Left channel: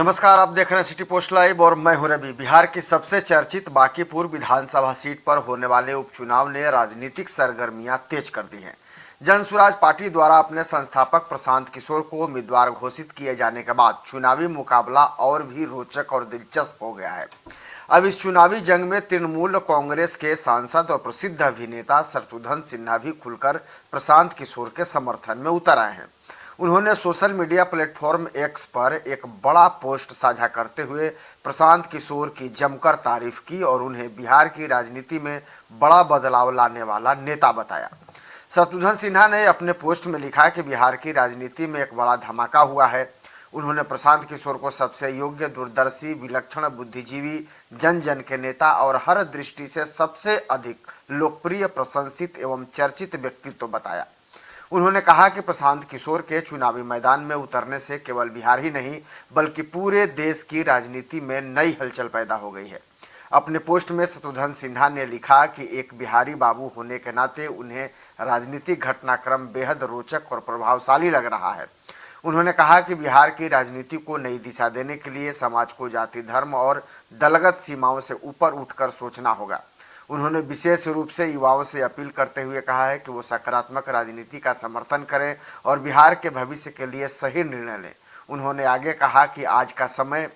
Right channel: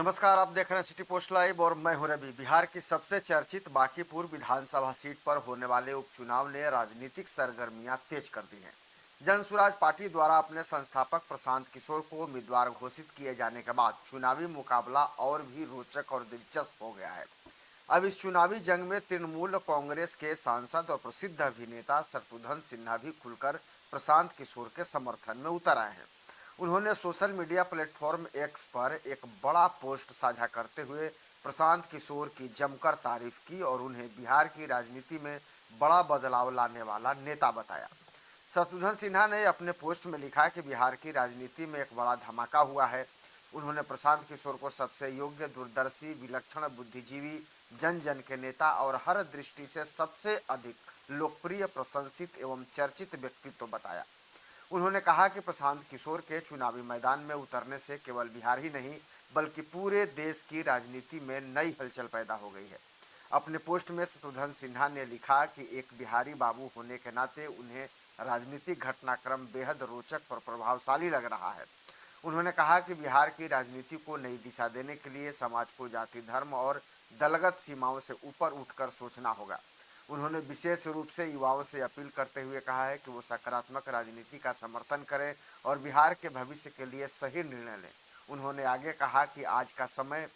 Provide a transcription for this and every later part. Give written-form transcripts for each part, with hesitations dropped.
नमस्कार, आप देख रहे हैं सिटी पोस्ट लाइव और मैं हूं रवि। बिहार की सबसे चर्चित बांकीपुर विधानसभा सीट पर होने वाले उपचुनाव ने राजनीतिक सरगर्मियां तेज कर दी हैं। जन स्वराज पार्टी द्वारा अपने संस्थापक प्रशांत किशोर को उम्मीदवार घोषित किए जाने के बाद चुनावी मुकाबला और भी रोचक और दिलचस्प हो गया है। अब इस चुनावी जंग में तृणमूल कांग्रेस के सांसद और प्रसिद्ध अभिनेता शत्रुघ्न सिन्हा भी खुलकर प्रशांत किशोर के समर्थन में उतर आए हैं। उन्होंने सोशल मीडिया प्लेटफॉर्म एक्स पर एक बड़ा पोस्ट साझा करते हुए प्रशांत किशोर की जमकर तारीफ की और उन्हें बिहार की राजनीति में बड़ा बदलाव लाने वाला नेता बताया। शत्रुघ्न सिन्हा ने अपने पोस्ट में लिखा कि बिहार की राजनीति में एक बड़ा धमाका हुआ है। उन्होंने प्रशांत किशोर को सबसे योग्य, दूरदर्शी, विलक्षण बुद्धिजीवी, जन जन के नेता और हर दृष्टि से सबसे अधिक लोकप्रिय, प्रशंसित एवं चर्चित व्यक्तित्व बताया। उन्होंने कहा कि प्रशांत किशोर के चुनावी मैदान में उतरने से केवल बिहार ही नहीं बल्कि पूरे देश की राजनीति में नई हलचल पैदा हो गई है। अपने पोस्ट में शत्रुघ्न सिन्हा ने लिखा कि एक बिहारी बाबू होने के नाते उन्हें राजनीतिक घटनाक्रम बेहद रोचक और प्रभावशाली लग रहा है। उन्होंने कहा कि बिहार की राजनीति को नई दिशा देने के लिए समाज को जाति, धर्म और दलगत सीमाओं से ऊपर उठकर सोचना होगा। उन्होंने विशेष रूप से युवाओं से अपील करते हुए कहा है कि वो सकारात्मक राजनीति का समर्थन करें और बिहार के भविष्य के लिए सही निर्णय लें। उन्होंने आगे कहा कि आज का समय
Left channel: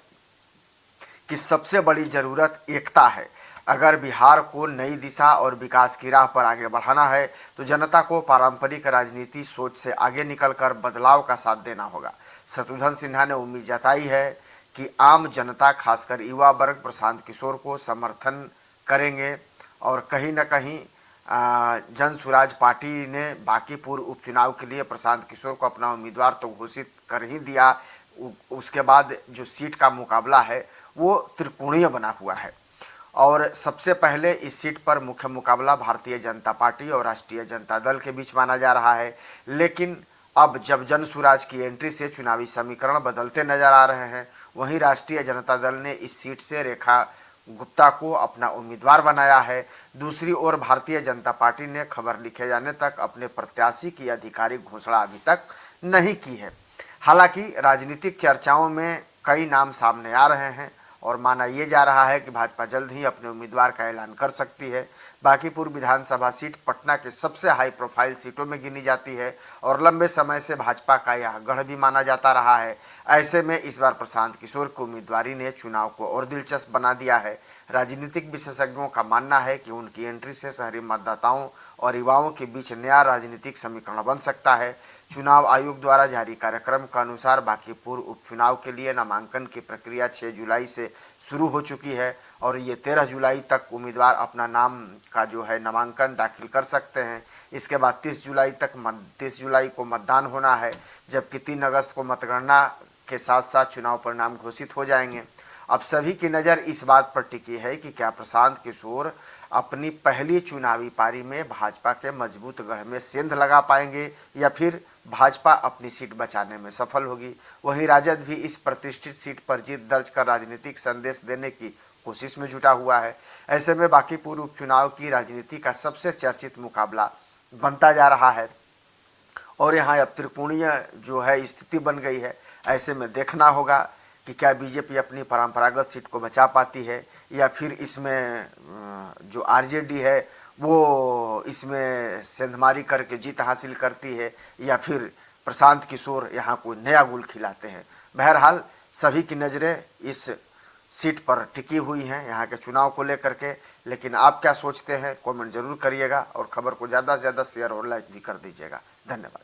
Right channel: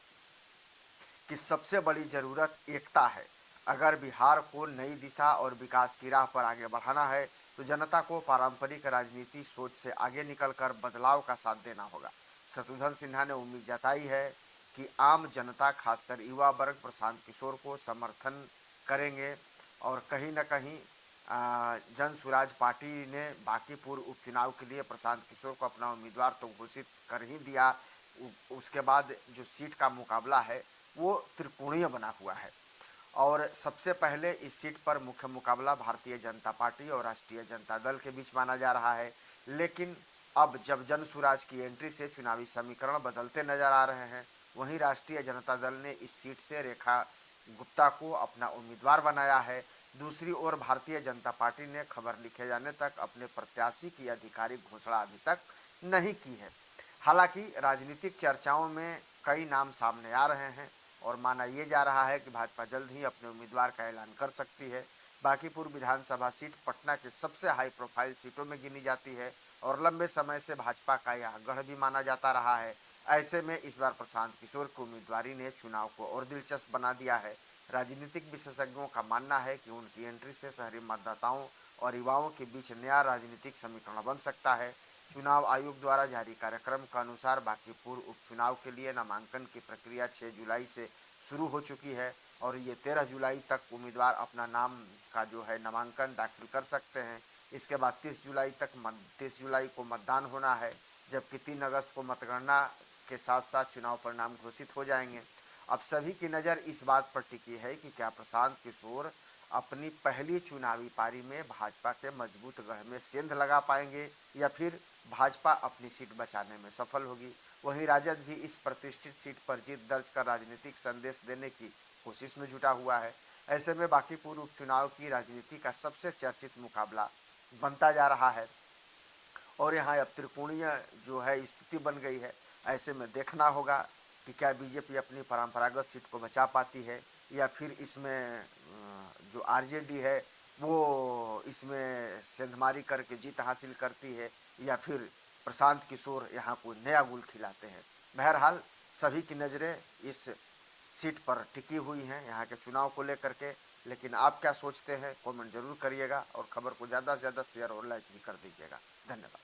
की सबसे बड़ी जरूरत एकता है। अगर बिहार को नई दिशा और विकास की राह पर आगे बढ़ाना है तो जनता को पारंपरिक राजनीति सोच से आगे निकलकर बदलाव का साथ देना होगा। शत्रुघ्न सिन्हा ने उम्मीद जताई है कि आम जनता, खासकर युवा वर्ग, प्रशांत किशोर को समर्थन करेंगे और कहीं न कहीं जन स्वराज पार्टी ने बांकीपुर उपचुनाव के लिए प्रशांत किशोर को अपना उम्मीदवार तो घोषित कर ही दिया। उसके बाद जो सीट का मुकाबला है वो त्रिकोणीय बना हुआ है और सबसे पहले इस सीट पर मुख्य मुकाबला भारतीय जनता पार्टी और राष्ट्रीय जनता दल के बीच माना जा रहा है। लेकिन अब जब जन स्वराज की एंट्री से चुनावी समीकरण बदलते नजर आ रहे हैं, वहीं राष्ट्रीय जनता दल ने इस सीट से रेखा गुप्ता को अपना उम्मीदवार बनाया है। दूसरी ओर भारतीय जनता पार्टी ने खबर लिखे जाने तक अपने प्रत्याशी की आधिकारिक घोषणा अभी तक नहीं की है। हालांकि राजनीतिक चर्चाओं में कई नाम सामने आ रहे हैं और माना यह जा रहा है कि भाजपा जल्द ही अपने उम्मीदवार का ऐलान कर सकती है। बांकीपुर विधानसभा सीट पटना के सबसे हाई प्रोफाइल सीटों में गिनी जाती है और लंबे समय से भाजपा का यह गढ़ भी माना जाता रहा है। ऐसे में इस बार प्रशांत किशोर की उम्मीदवारी ने चुनाव को और दिलचस्प बना दिया है। राजनीतिक विशेषज्ञों का मानना है कि उनकी एंट्री से शहरी मतदाताओं और युवाओं के बीच नया राजनीतिक समीकरण बन सकता है। चुनाव आयोग द्वारा जारी कार्यक्रम के अनुसार बांकीपुर उपचुनाव के लिए नामांकन की प्रक्रिया 6 जुलाई से शुरू हो चुकी है और ये 13 जुलाई तक उम्मीदवार अपना नाम का जो है नामांकन दाखिल कर सकते हैं। इसके बाद 30 जुलाई को मतदान होना है, जबकि 3 अगस्त को मतगणना के साथ साथ चुनाव परिणाम घोषित हो जाएंगे। अब सभी की नज़र इस बात पर टिकी है कि क्या प्रशांत किशोर अपनी पहली चुनावी पारी में भाजपा के मजबूत गढ़ में सेंध लगा पाएंगे या फिर भाजपा अपनी सीट बचाने में सफल होगी। वहीं राजद भी इस प्रतिष्ठित सीट पर जीत दर्ज कर राजनीतिक संदेश देने की कोशिश में जुटा हुआ है। ऐसे में बांकीपुर उपचुनाव की राजनीति का सबसे चर्चित मुकाबला बनता जा रहा है और यहाँ अब त्रिकोणीय जो है स्थिति बन गई है। ऐसे में देखना होगा कि क्या बीजेपी अपनी परंपरागत सीट को बचा पाती है या फिर इसमें जो आरजेडी है वो इसमें सेंधमारी करके जीत हासिल करती है या फिर प्रशांत किशोर यहाँ कोई नया गुल खिलाते हैं। बहरहाल सभी की नज़रें इस सीट पर टिकी हुई हैं यहाँ के चुनाव को लेकर के। लेकिन आप क्या सोचते हैं, कमेंट जरूर करिएगा और खबर को ज़्यादा से ज़्यादा शेयर और लाइक भी कर दीजिएगा। धन्यवाद।